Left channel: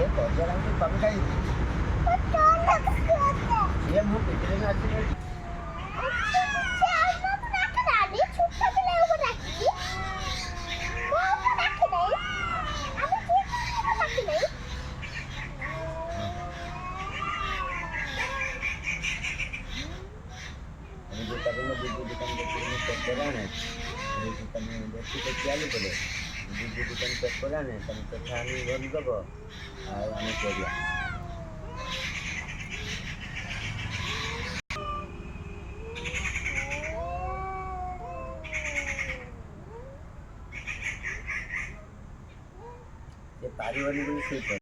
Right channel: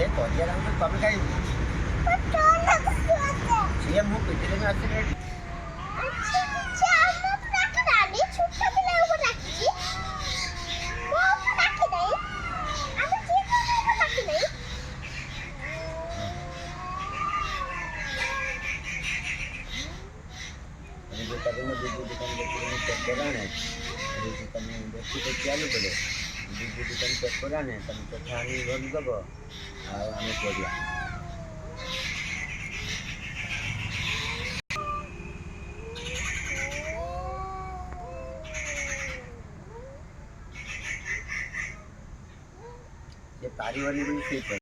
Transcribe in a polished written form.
એ તો અત્યારે હું તમે કઈ સીએમ હું પીપીએલ में एक्सीडेंट जो करेंगे दूसरी दुकान पे चेक कराने दूसरी તમે બેસી તો ચાલુ પડે બીજી દુકાન ચેક કરાને તમે તો ખાની બંધ કરો અને કર્યા ये तारी वाली भी ठीक है।